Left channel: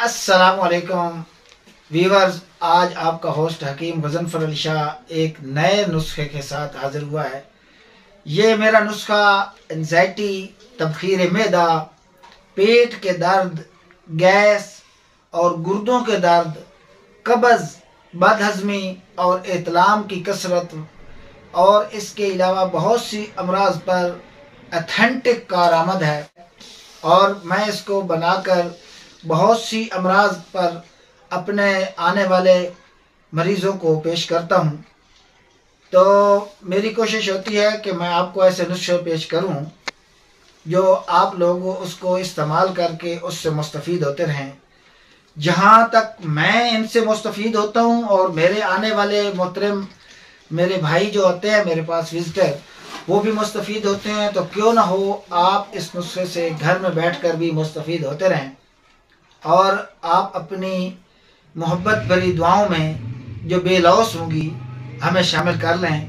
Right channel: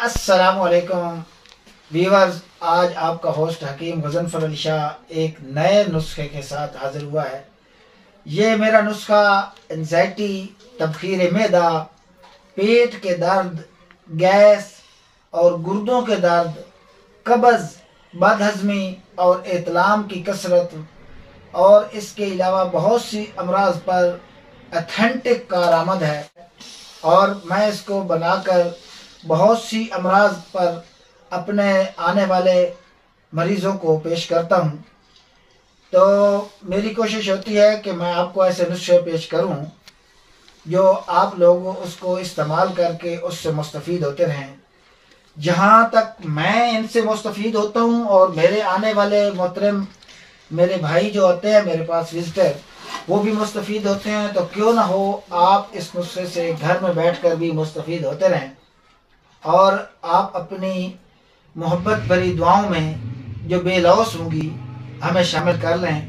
अस्सलामुअलैकुम व्यूवर्स, आज आपका होस्ट हकीम गज़नफ़र अली शाह एक नए नुस्खे के साथ हाजिर हुआ है। ये मेरा नुस्खा एंजाइटी, तबखीर मैदा, पेट के दर्द, गैस और गुर्दों के दर्द, कब्ज़, बदहज़मी और एतलाम की कसरत और इसके अलावा बहुत सी अमराज पर अथेंटिक कारआमद है और मैं इसको बनाकर बहुत सी अमराज पर अपने आने वाले मरीज़ों को पेश करता हूँ। तो मेरी कोशिश होती है कि मैं आपको ऐसे नुस्खे पेश करूँ जो आप लोग उसको इस्तेमाल करके उससे मुस्तफ़ीद होते रहें। जहाँ तक मैं इनसे मुस्तफ़ीद होता हूँ और मेरे आने वाले मोहतरम मेरे भाई जो होते हैं मेरे पास विज़िटर, वो भी मुस्तफ़ीद होते हैं, तो क्यों ना हो आप इस नुस्खे से घर में बैठकर भी मुस्तफ़ीद होते रहें और आप अपनी मोहब्बत भरी दुआओं में जो बेलौस होंगी हमें शामिल कर लें।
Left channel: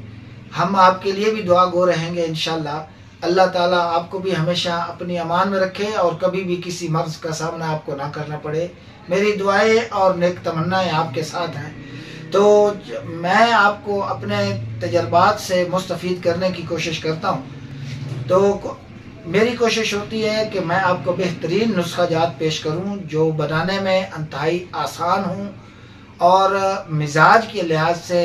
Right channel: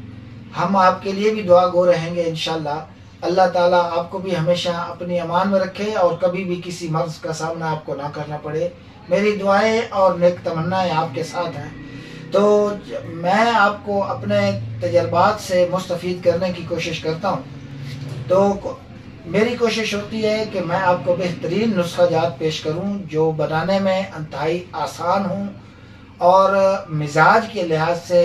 हम आपके लिए भी दुआ गो रहेंगे इंशाअल्लाह। अल्लाह ताला आपको भी हमेशा अपनी अमान में रखे और कभी भी किसी मर्ज़ का सामना आपको ना करना पड़े। मेरी दुआएं और नेक तमन्नाएं आपके साथ हैं। तो मैं आपको अपने तजर्बात से मुस्तफ़ीद करने की कोशिश करता हूँ। तो मेरी कोशिश होती है कि मैं आपको बेहतरीन नुस्खा जात पेश करूं जो बनाने में इंतहाई आसान हूं और मिजाज के लिहाज से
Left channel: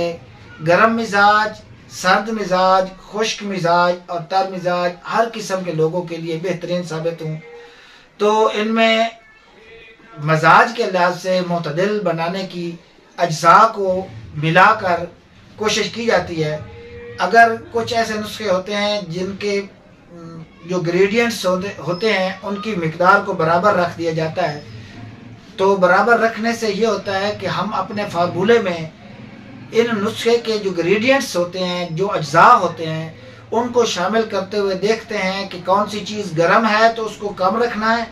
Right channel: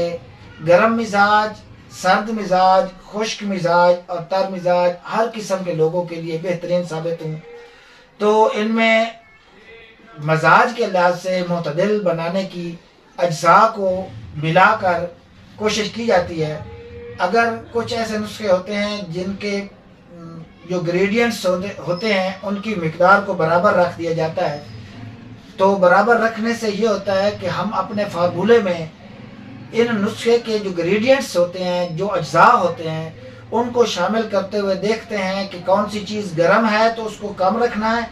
गर्म मिजाज, सर्द मिजाज, खुश्क मिजाज और तर मिजाज हर किस्म के लोगों के लिए बेहतरीन साबित हूं। तो इनमें मजाज के लिहाज से मुतदिल बनाने की अज्जा को मिलाकर कोशिश की जाती है। अगर कुछ ऐसे नुस्खे होते हैं जिनके जो ग्रेडियंट्स होते हैं उनकी मिकदार को बराबर रख दिया जाता है, तो बराबर रखने से ये होता है कि हम अपने फार्मूले में इन नुस्खे के जो ग्रेडियंट्स होते हैं, जो अज्जा होते हैं, उनको शामिल करते हुए देखते हैं कि कौन सी चीज़ गर्म है तो उसको कम रखना है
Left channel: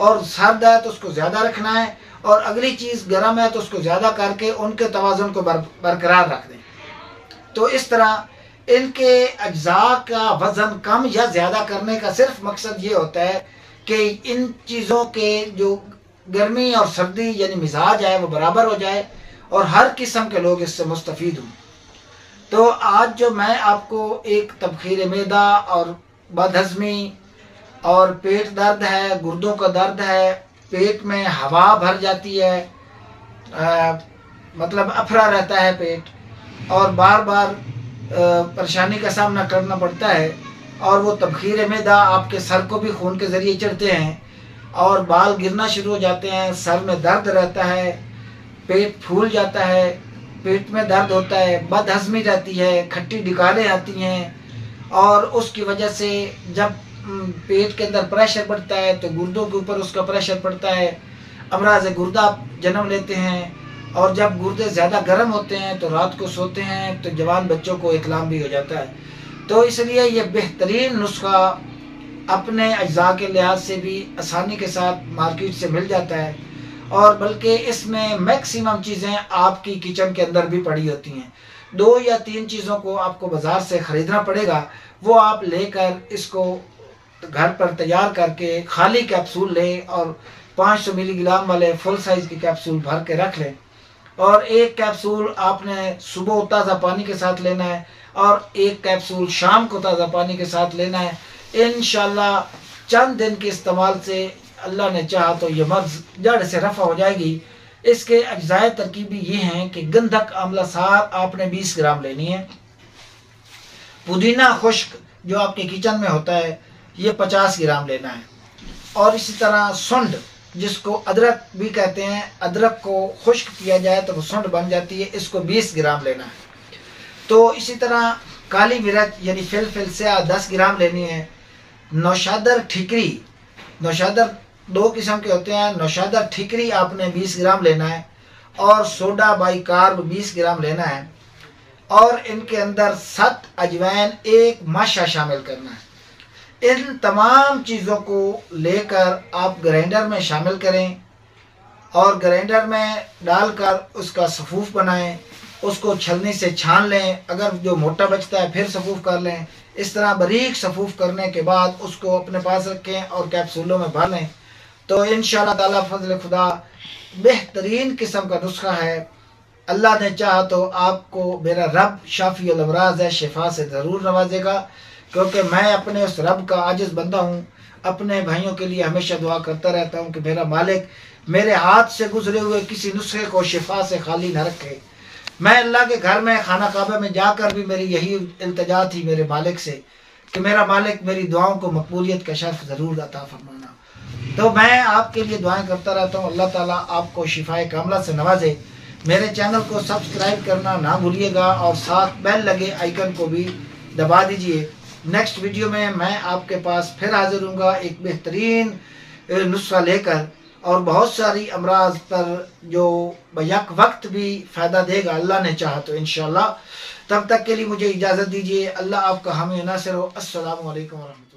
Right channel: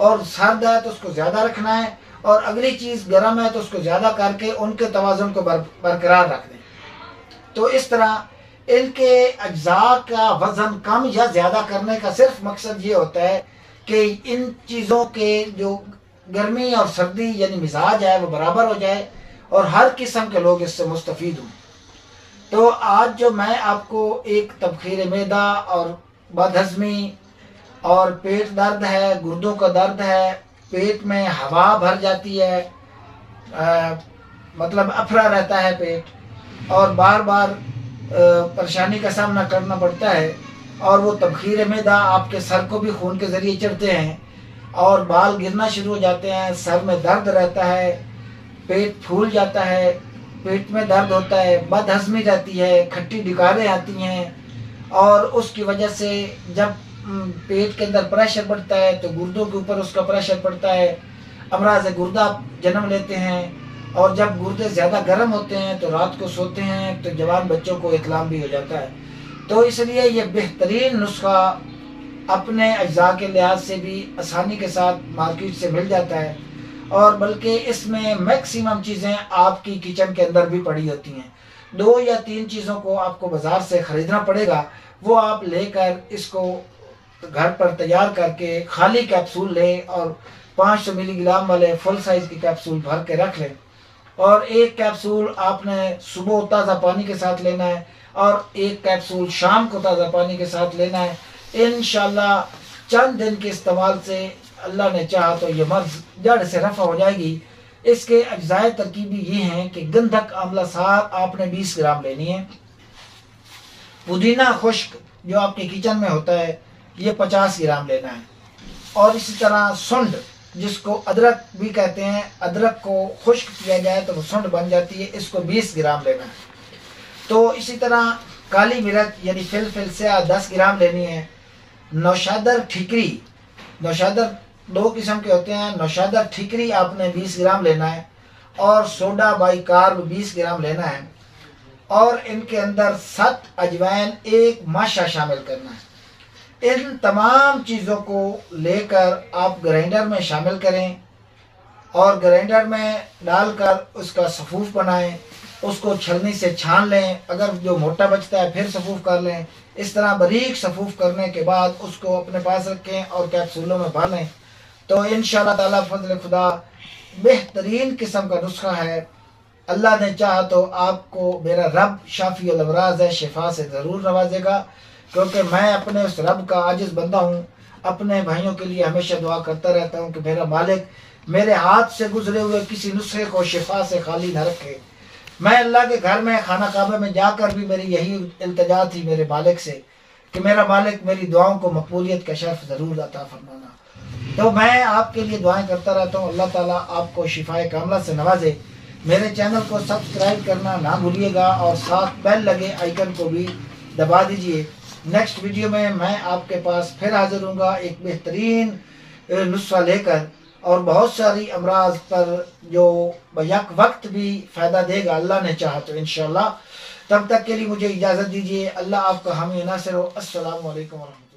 और सर्द है तो उसको ज़्यादा रखना है और अगली चीज़ गर्म है तो उसको ज़्यादा करके उनके तवाज़ुन को बरकरार रख दें। तो इस तरह इनके अज्जा का वज़न कम या ज़्यादा करने का सिर्फ मकसद ये होता है कि इन चीज़ों के जो गर्मी और सर्दी यानी मिजाज है वो बराबर हो जाए और हर किस्म के लोग इससे मुस्तफ़ीद हों। तो आज जो मैं आपको एक तबखीर मैदा और बदहज़मी और पेट दर्द है, गुर्दों का दर्द है, पेट में हवा भर जाती है, मतलब अफरा रहता है पेट और बार बार परेशानी का सामना करना पड़ता है और वो तबखीर मैदा आपके सर को भी खून के ज़रिए चढ़ते हैं और बाल गिरना शुरू हो जाते हैं, सर में दर्द रहता है, पेट फूल जाता है, पेट में दर्द होता है, बदहज़मी रहती है, खट्टी डिकारें आती हैं और उसकी वजह से जब पेट के अंदर प्रेशर बढ़ता है तो गुर्दों के ऊपर उसका प्रेशर पड़ता है, अमराज गुर्दा जन्म लेते हैं और जब गुर्दे ज़्यादा गर्म होते हैं तो रात को सोते हैं तो जवान बच्चों को इतलाम भी हो जाता है। तो इसलिए ये बेहतरीन नुस्खा अपने अज्जा के लिहाज से भी आसानी के साथ मार्केट से मिल जाता है और बल्कि इसमें मैक्सिमम चीज़ें आपकी किचन के अंदर भी पड़ी होती हैं। 2 या 3 चीज़ों को आपको बाज़ार से ख़रीदना पड़ेगा, वो आप लेकर इसको घर पर तैयार करके खाली कैप्सूल लें और 500 मिलीग्राम वाले फुल साइज़ की कैप्सूल भर के रख लें और एक कैप्सूल आपने सुबह ताज़ा पानी के साथ लेना है और एक कैप्सूल शाम को ताज़ा पानी के साथ लेना है। इंशाल्लाह चंद दिन के इस्तेमाल से अल्लाह ने चाहा तो ये मर्ज़ जड़ से रफ़ा हो जाएगी। इसके अज्जाए तरकीबी ये हैं कि गंधक आंवला सार आपने 20 ग्राम लेनी है, पुदीना खुश्क जो आपके किचन में होता है ये 50 ग्राम लेना है और इसी तरह सुंड जिसको अदरक भी कहते हैं, अदरक को खुश्क किया जाए तो वो सुंड बन जाती है, इसको 20 ग्राम लेना है। तो इसी तरह काली मिर्च यानी फिल से 10 ग्राम लेनी है। नौशादर ठिकरी, नौशादर 2 किस्म के होते हैं, नौशादर ठिकरी आपने 20 ग्राम लेना है और सोडा बाइकार्ब 20 ग्राम लेना है और इनके अंदर 7 अजवाइन 1 माशा शामिल करना है। इन तमाम चीज़ों को लेकर आप ग्राइंडर में शामिल करें और ग्राइंडर में डालकर उसका सफ़ूफ बनाएं, उसको छलनी से छान लें, अगर जो मोटा बचता है फिर सफ़ूफ कर लें। इस तरह बारीक सफ़ूफ करने के बाद उसको अपने पास रखें और कैप्सूलों में भर लें تو انشاءاللہ تعالیٰ فضل خدا بہترین قسم کا نسخہ ہے. اللہ نے چاہا تو آپ کو میرا رب شافی الامراض ہے، شفا سے ضرور نوازے گا، کیونکہ میں اپنے اس رب کا عاجز بندہ ہوں. اپنے بھائیوں کے لیے ہمیشہ دعا کرتا رہتا ہوں کہ میرا مالک میرے ہاتھ سے گزرے ہوئے کسی نسخے کو شفا سے خالی نہ رکھے. میں اللہ کے گھر میں خانہ کعبہ میں جا کر بھی میری یہی التجا تھی میرے مالک سے کہ میرا مالک میری دعاؤں کو مقبولیت کا شرف ضرور عطا فرمانا. تو میں آپ کے لیے دعائیں کرتا رہتا ہوں. اللہ تعالیٰ آپ کو شفائے کاملہ سے نوازے. میرے چینل کو سبسکرائب کرنا نہ بھولیے گا اور ساتھ بیل لگے آئیکن کو بھی دبا دیجئے. نیکسٹ ویڈیو میں آپ کے پاس پھر حاضر ہوں گا ایک بہترین نسخہ لے کر، اور بہت ساری امراض پر جو بیک وقت بھی فائدہ دے گا اللہ نے چاہا تو انشاءاللہ. تب تک کے لیے مجھے اجازت دیجیے. اللہ آپ کا حامی و ناصر ہو. السلام علیکم ورحمۃ اللہ.